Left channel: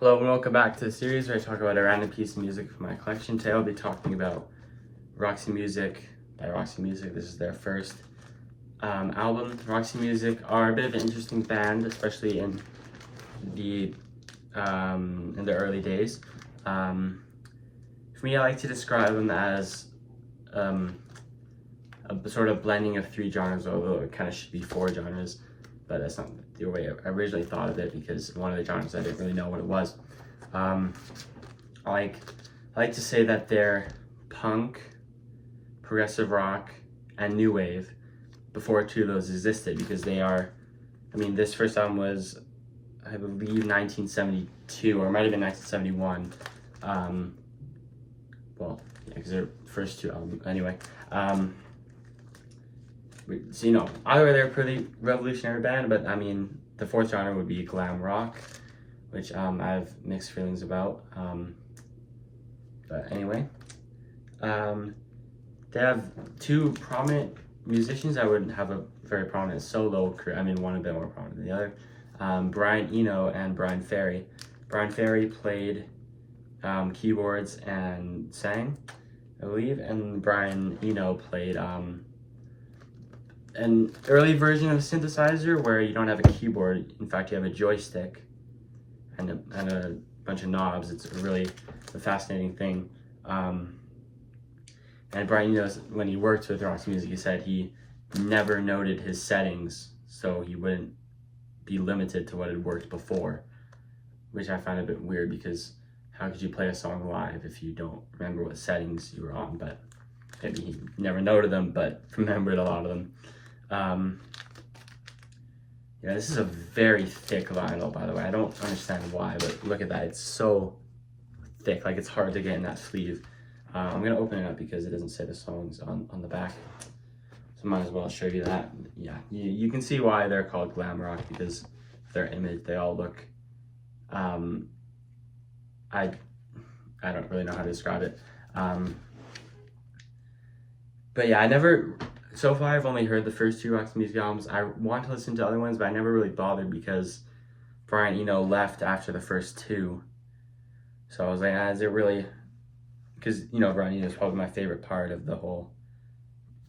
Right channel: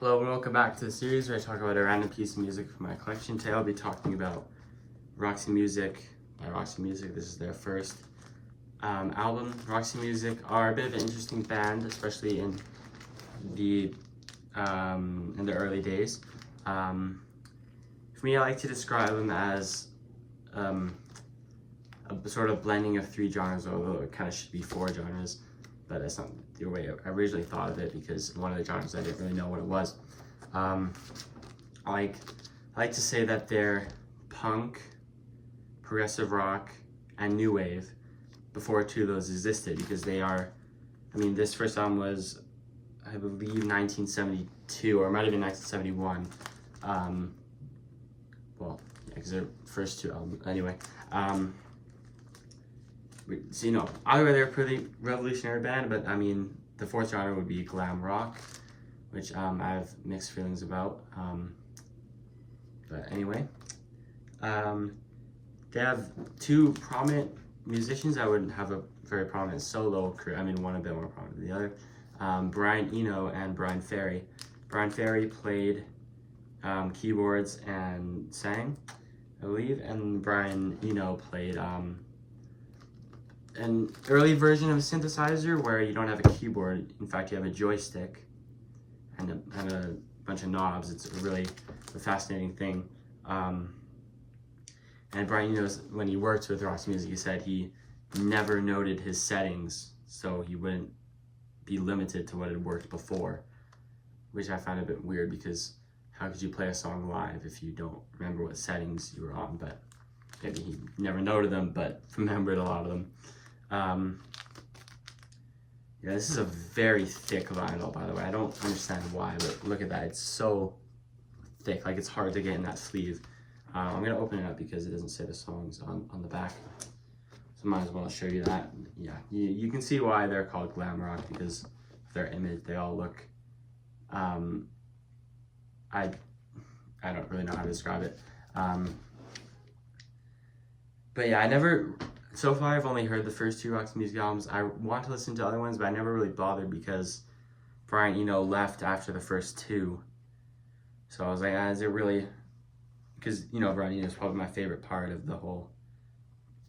Hello and welcome back to the series where I talk about a random piece of music from my collection. Today I'll be talking about Roxy Music by Roxy Music. This is their first album. Roxy Music are a bit of an interesting band, especially in the early days. For me, I like to describe them as a sort of blending of three genres, although it kind of should be four genres. But that's not the way I originally thought of it, because one of the genres I didn't really know what it was. I like to say that they're punk, progressive rock, and new wave before two of those existed, because they are, this first album was, I believe, 1972, or it might have been 1971. Well, yeah, because their first two albums, anyway. So, either way, they're a pretty revolutionary band, but the fourth genre would be glam rock, which I have mixed feelings about. But anyway, they have two prominent musicians that would have a very prominent solo career. One a bit more prominent than the other. Brian Eno and Brian Ferry. Brian Ferry played keyboards and sang, I believe, and Brian Eno played an early version of a synthesizer where you don't have a keyboard. In fact, you have a joystick and a bunch of knobs. It's really a fascinating thing. And Brian, when he worked with Roxy Music, he said he never noted his settings so he wouldn't be limited to what had worked before, which I find a bit weird, because how could you play a song live if you don't remember what settings you were on? But maybe he never noted them, but remembered a lot of them. Yeah, this is a very thick vinyl, by the way. I don't understand why, but look at that. It's so thick, like it's hard to get in that sleeve. I'm gonna open it up because it doesn't say the songs on the back, so might as well show you that. Yeah, you can see why they're called glam rock, because their image, they all look, I don't really know how to describe it. But yeah, so far I've only heard the first two Roxy Music albums. I want to listen to other ones, but I never really bothered because Brian Eno left after the first two. So I was like, is it really? Because, Brian Eno is probably my favorite part of the whole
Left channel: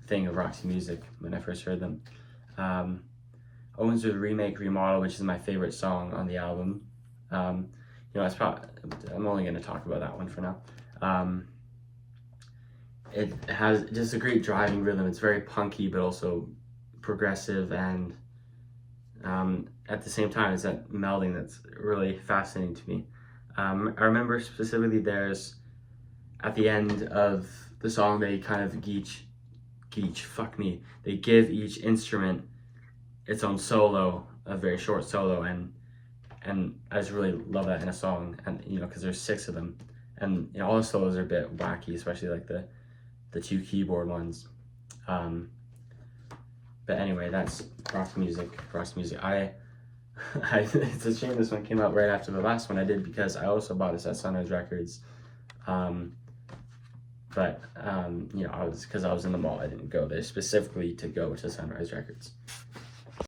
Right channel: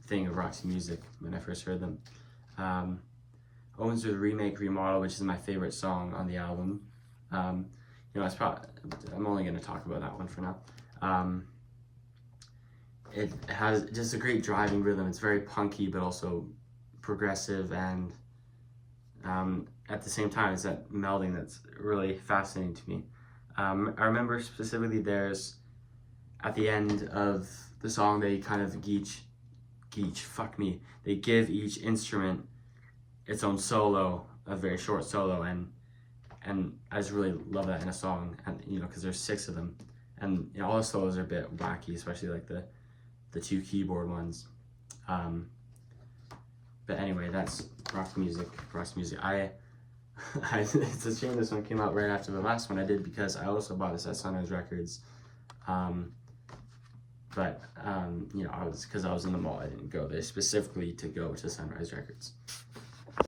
thing of Roxy Music when I first heard them. Opens with Remake Remodel, which is my favorite song on the album. I'm only going to talk about that one for now. It has just a great driving rhythm. It's very punky, but also progressive, and at the same time, it's that melding that's really fascinating to me. I remember specifically at the end of the song, they kind of they give each instrument its own solo, a very short solo, and I just really love that in a song, and because there's 6 of them, and all the solos are a bit wacky, especially like the two keyboard ones. But anyway, that's Roxy Music. It's a shame this one came out right after the last one I did, because I also bought this at Sunrise Records. Because I was in the mall, I didn't go there specifically to go to Sunrise Records.